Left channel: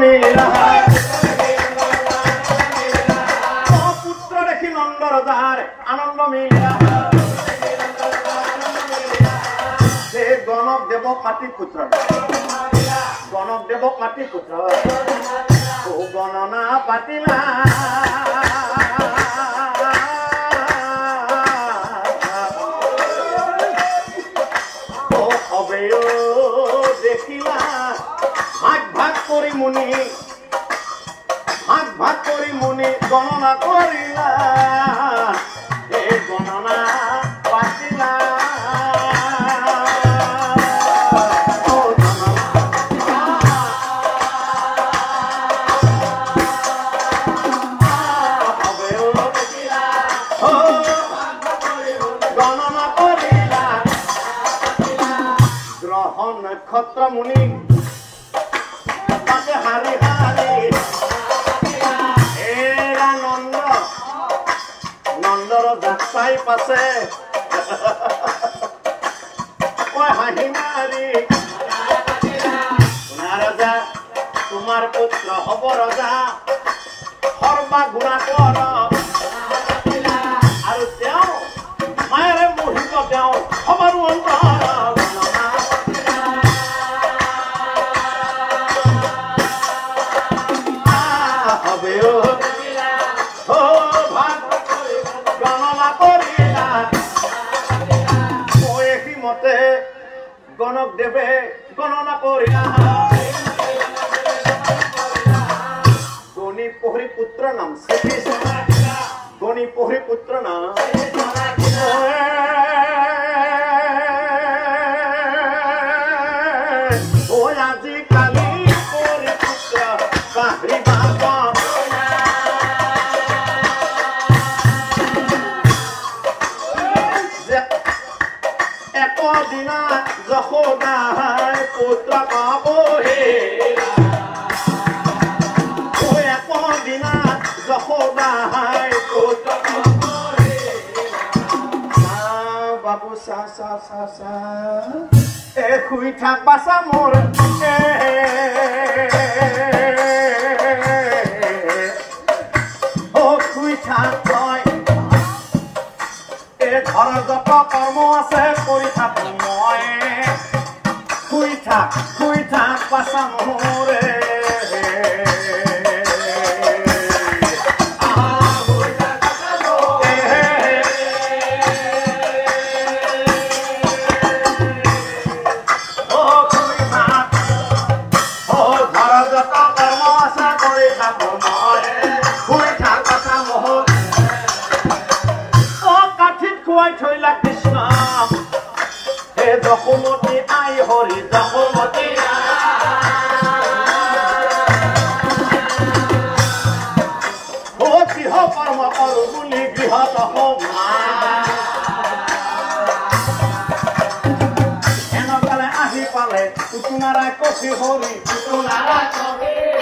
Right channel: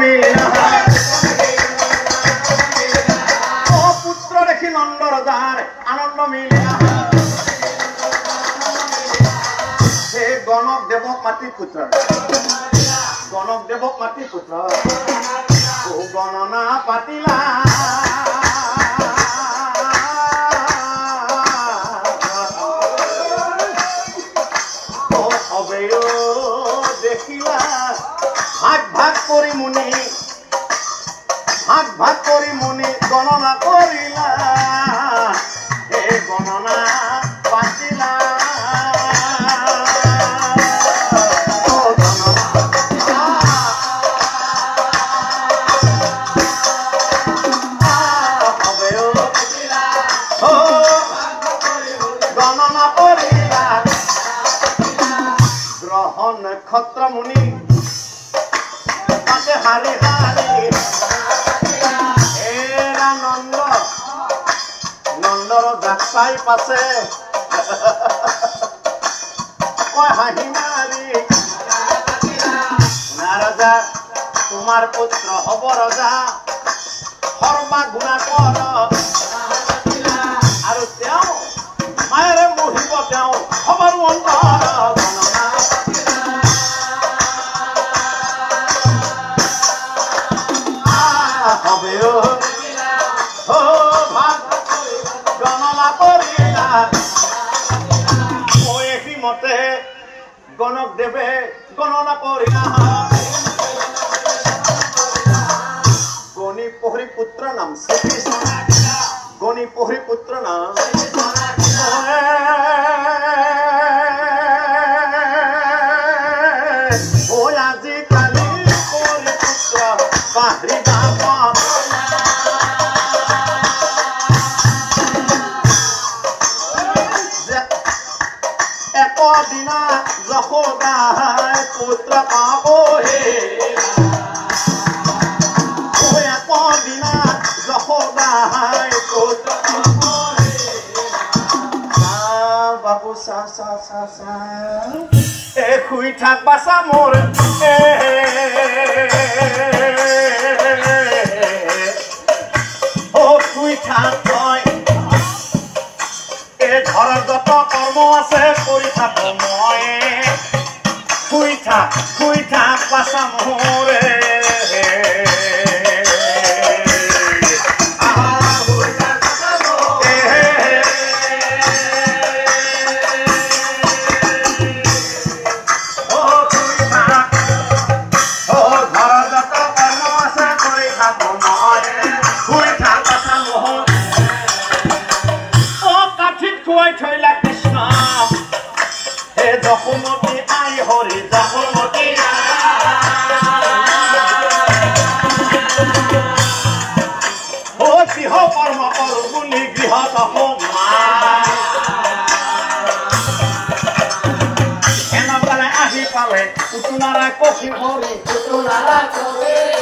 মিলা ও পুত্র দেখি নন্দ রজার আনন্দ মিলা হে গণক দেবক মাতি পুত্র গণক দেবক মাতি পুত্র ও গণনা পাতিলা দেখিলা ভাগ ভাগ করি মুনি ভাগ ভাগ করি মুনি গণনা করিলা হে গণনা পাতিলা গণনা করিলা গ্রহ নক্ষত্র মুনি তাকে হারি হারি এরা নন্দ নন্দর যাত্রাই পাছে হাঁহি মারি রাজা তোমার পুত্র হব রজা সর্বা গুণা কৰ আৰু তেওঁ মায়েৰে মহিব তেওঁ সবাৰো অন্তৰ গণনা কৰিলা মতে গণক দেৱে গণনা কৰিলা গণি পহৰি পুত্ৰ নাম গণি পহৰি পুত্ৰ নাম ও আজি কালি পহৰি পুত্ৰ পাহৰি দিনা যশোদাই পুত্ৰ পাবহে দিনা যশোদাই পুত্ৰ পাবহে বাবু চা চা চা চা এ শুই থাক বাচা মোৰ অ শুই থাক তই ঘৰৰ যত কৰ্ম আছে কৰি থাক মই শুই থাক পাছা মোৰে থৈলা কৃষ্ণ হে যশোমতী আই হৰি যশোমতী ও গৃহ কৰ্ম কৰো বুলি গৃহত এনেদৰে আহি পালে পুতুনাৰা কচি হৰি পুতুনাৰা কচি